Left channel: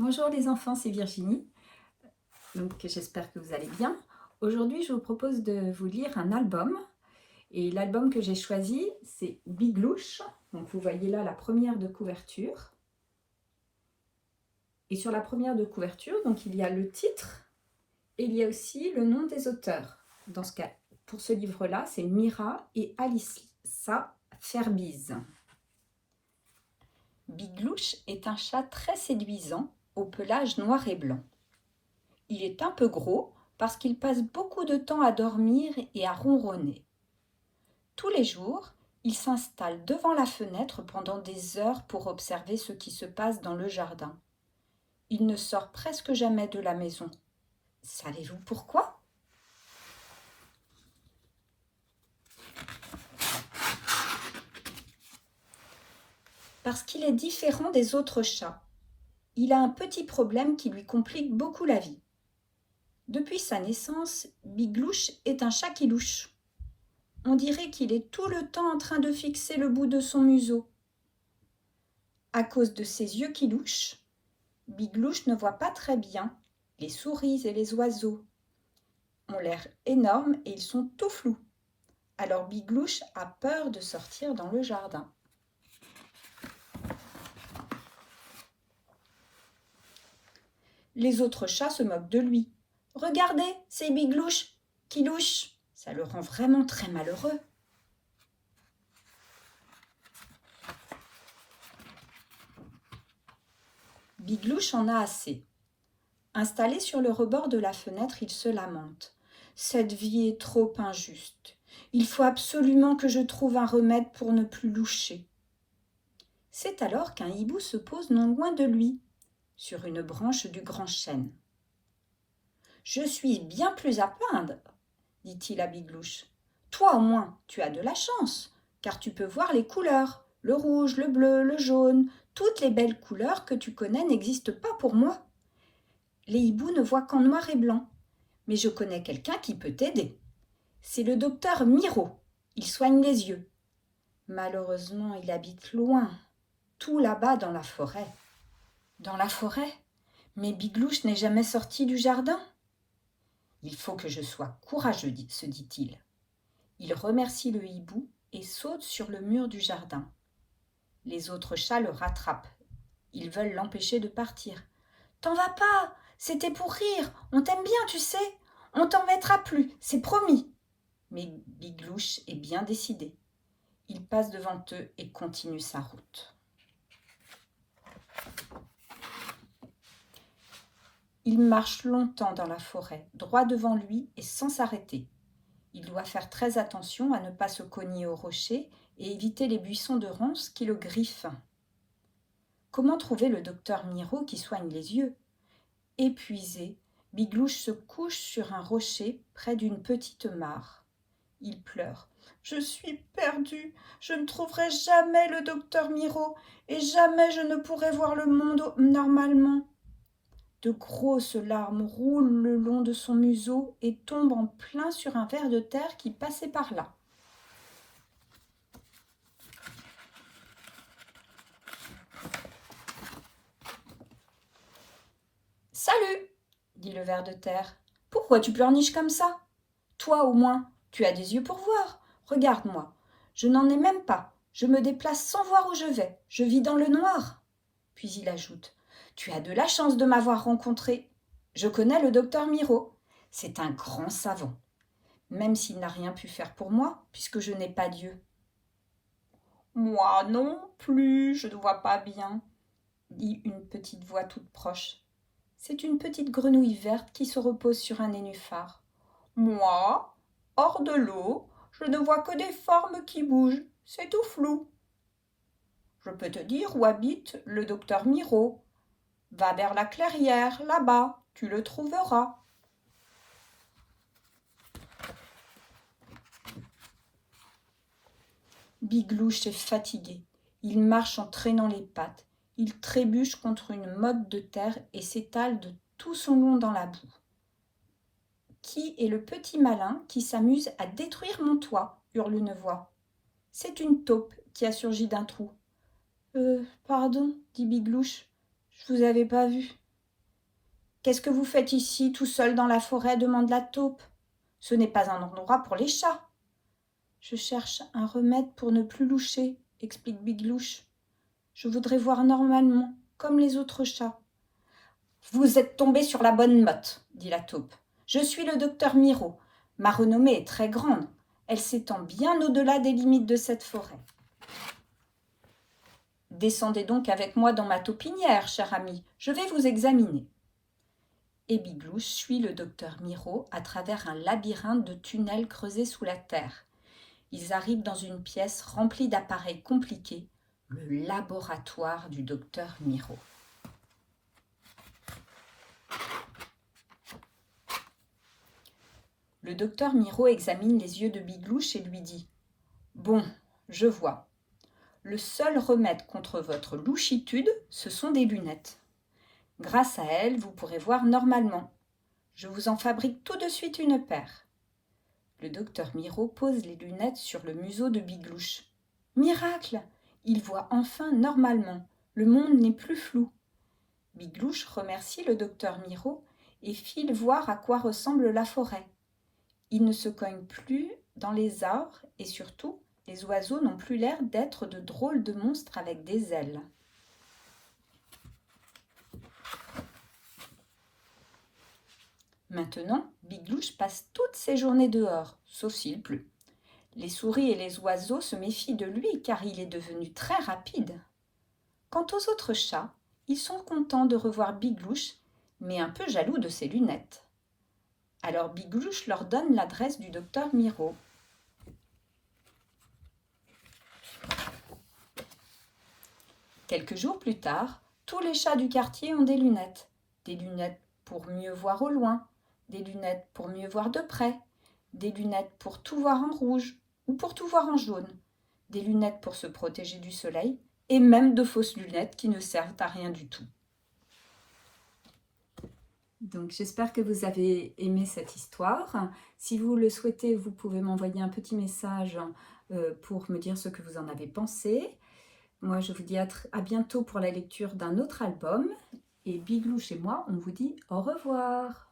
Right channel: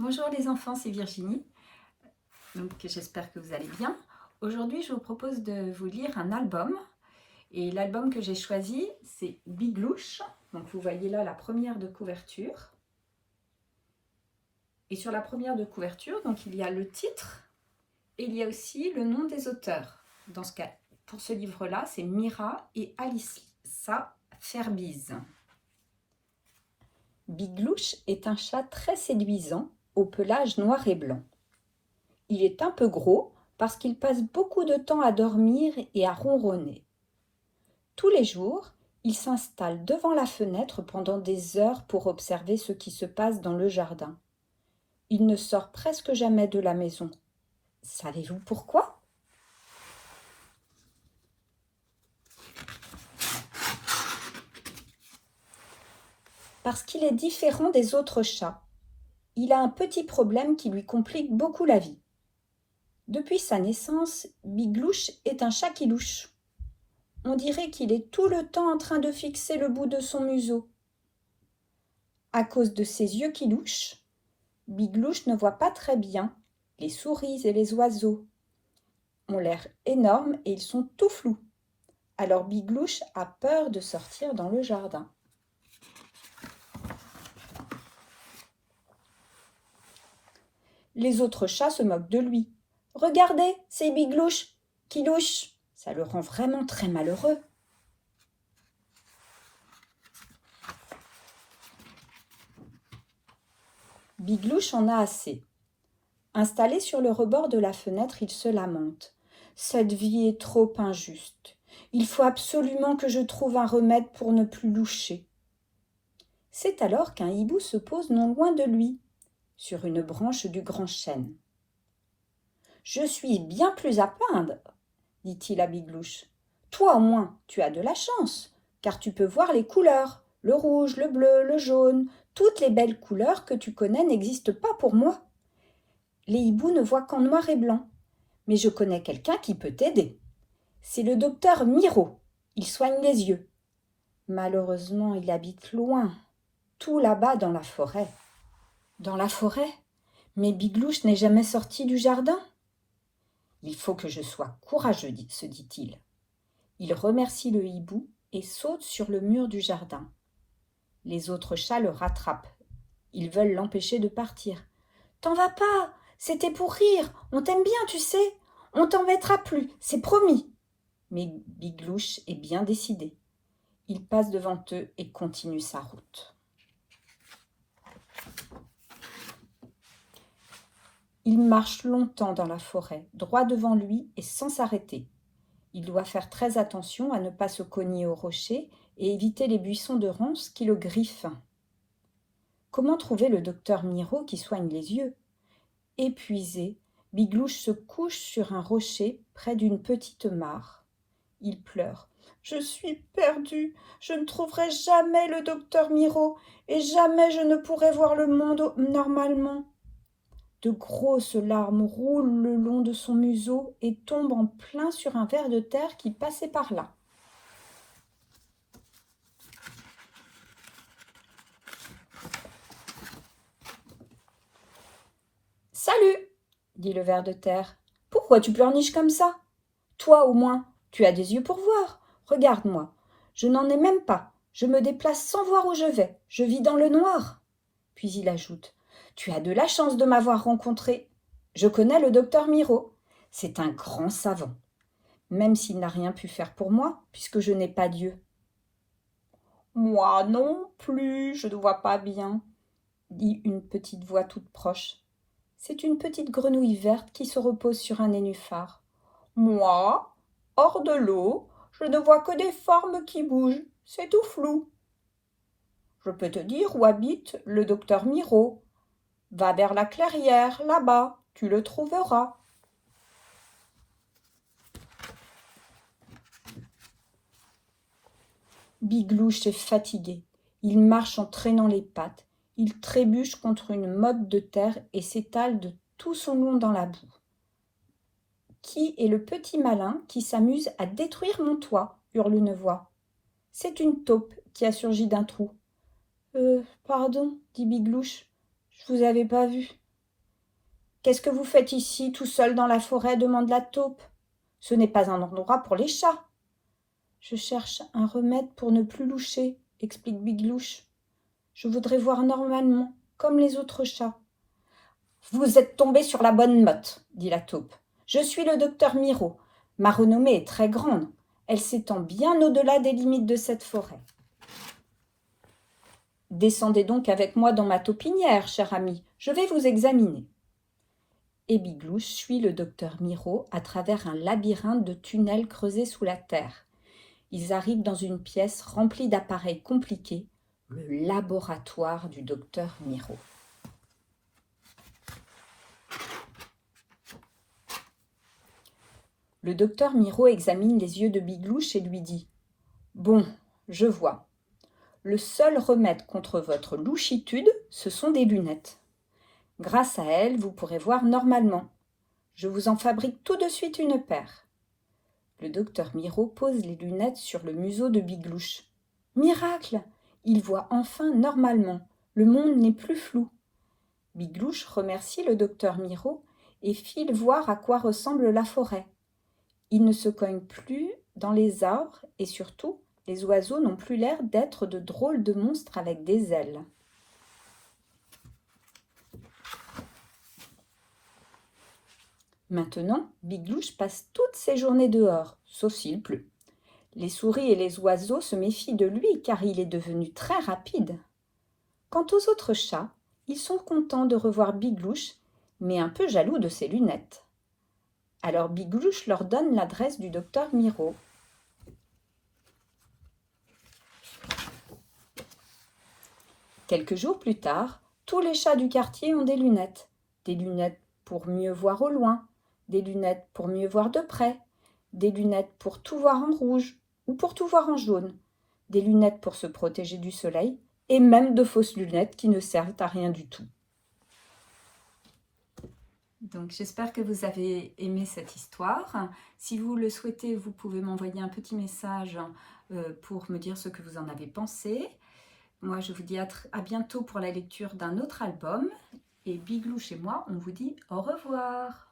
Bonjour les enfants, c'est Virginie. Donc j'espère que vous allez bien. Aujourd'hui, je vous propose de vous lire un album. Et l'album que j'ai choisi, c'est Biglouche. Donc vous voyez là la première de couverture. Et sur la première de couverture, donc il y a le titre et il y a aussi le nom des auteurs. Dans ce cas, pour ce livre-là, c'est Mira et Alissa Ferbise. Biglouche est un chat très séduisant, au pelage noir et blanc. Il est un peu gros parce qu'il passe beaucoup de temps à dormir et à ronronner. Tous les jours, il s'installe devant la fenêtre pendant des heures pour observer ce qui se passe dans le jardin. Il ne sort presque jamais de la maison. Savez-vous pourquoi ? Parce qu'il est différent des autres chats. Il a un petit problème qui lui complique beaucoup la vie. Depuis sa naissance, Biglouche est un chat qui louche. On dirait qu'il est tout le temps en train de fixer le bout de son museau. À cause de ses yeux qui louchent, Biglouche ne voit pas très bien. Les souris et les oiseaux ont l'air énormes et ils sont tout flous. Alors Biglouche a peur de sortir dans le jardin. Les autres chats se moquent de lui. « Regardez, c'est Biglouche qui louche !» Ça le rend vraiment très malheureux. Biglouche en a assez. Installé sur le rebord de la fenêtre, il se lamente. « Cette vie est trop injuste. Il faut absolument que je trouve un remède pour ne plus loucher. » C'est alors qu'un hibou se pose non loin de lui, sur une branche du grand chêne. « Je suis bien plus à plaindre, dit-il à Biglouche. Toi au moins, tu as de la chance, car tu peux voir les couleurs, le rouge, le bleu, le jaune, toutes les belles couleurs que tu connais n'existent pas pour moi. Les hiboux ne voient qu'en noir et blanc, mais je connais quelqu'un qui peut t'aider. C'est le docteur Miro, il soigne les yeux. Malheureusement, il habite loin, tout là-bas dans la forêt. » Dans la forêt ? Mais Biglouche n'est jamais sorti du jardin. « Il faut que je sois courageux, se dit-il. » Il remercie le hibou et saute sur le mur du jardin. Les autres chats le rattrapent. Ils veulent l'empêcher de partir. « T'en vas pas, c'était pour rire, on t'aime bien, tu sais. On t'embêtera plus, c'est promis. » Mais Biglouche est bien décidé. Il passe devant eux et continue sa route. Il marche longtemps dans la forêt, droit devant lui et sans s'arrêter. Il doit faire très attention à ne pas se cogner aux rochers et éviter les buissons de ronces qui le griffent. Comment trouver le docteur Miro qui soigne les yeux ? Épuisé, Biglouche se couche sur un rocher près d'une petite mare. Il pleure. « Je suis perdu, je ne trouverai jamais le docteur Miro et jamais je ne pourrai voir le monde normalement. » De grosses larmes roulent le long de son museau et tombent en plein sur un ver de terre qui passait par là. « Salut !» dit le ver de terre. « Pourquoi tu pleurniches comme ça ? Toi au moins, tu as des yeux pour voir. Regarde-moi, je n'en ai même pas. Je me déplace sans voir où je vais. Je vis dans le noir. » Puis il ajoute « Tu as de la chance de m'avoir rencontré. Je connais le docteur Miro. C'est un grand savant, même s'il n'a rien pu faire pour moi, puisque je n'ai pas d'yeux. »« Moi non plus, je ne vois pas bien, » dit une petite voix toute proche. C'est une petite grenouille verte qui se repose sur un nénuphar. « Moi, hors de l'eau, je ne vois que des formes qui bougent, c'est tout flou. »« Je peux te dire où habite le docteur Miro. Va vers la clairière, là-bas, tu le trouveras. » Biglouche est fatigué. Il marche en traînant les pattes. Il trébuche contre une motte de terre et s'étale de tout son long dans la boue. « Qui est le petit malin qui s'amuse à détruire mon toit ?» hurle une voix. C'est une taupe qui a surgi d'un trou. « Pardon, dit Biglouche, je vous avais pas vu. Qu'est-ce que vous faites ici, tout seul dans la forêt demande la taupe. Ce n'est pas un endroit pour les chats. Je cherche un remède pour ne plus loucher, explique Biglouche. Je voudrais voir normalement, comme les autres chats. Vous êtes tombé sur la bonne motte, dit la taupe. Je suis le docteur Miraut. Ma renommée est très grande. Elle s'étend bien au-delà des limites de cette forêt. Descendez donc avec moi dans ma taupinière, cher ami. Je vais vous examiner. Et Biglouche suit le docteur Miraut à travers un labyrinthe de tunnels creusés sous la terre. Ils arrivent dans une pièce remplie d'appareils compliqués, le laboratoire du docteur Miraut. Le docteur Miraut examine les yeux de Biglouche et lui dit « Bon, je vois. Le seul remède contre votre louchitude, ce sont des lunettes. Grâce à elles, vous pourrez voir normalement. Je vous en fabrique tout de suite une paire. » Le docteur Miraut pose les lunettes sur le museau de Biglouche. Miracle! Il voit enfin normalement. Le monde n'est plus flou. Biglouche remercie le docteur Miraut et file voir à quoi ressemble la forêt. Il ne se cogne plus dans les arbres et surtout, les oiseaux n'ont plus l'air d'être de drôles de monstres avec des ailes. Maintenant, Biglouche passe toutes ses journées dehors, sauf s'il pleut. Les souris et les oiseaux se méfient de lui car il est devenu très rapide. Quant aux autres chats, ils sont contents de revoir Biglouche, mais un peu jaloux de ses lunettes. Alors Biglouche leur donne l'adresse du docteur Miraut. Quelques jours plus tard, tous les chats du quartier ont des lunettes. Des lunettes pour mieux voir au loin, des lunettes pour mieux voir de près, des lunettes pour tout voir en rouge ou pour tout voir en jaune, des lunettes pour se protéger du soleil et même de fausses lunettes qui ne servent à rien du tout. Donc j'espère que vous avez aimé cette histoire. Si vous le souhaitez, vous pouvez m'envoyer un petit message pour me dire ce que vous en avez pensé. Moi, je vous dis à bientôt pour la lecture d'un autre album. Et Biglouche et moi, on vous dit au revoir.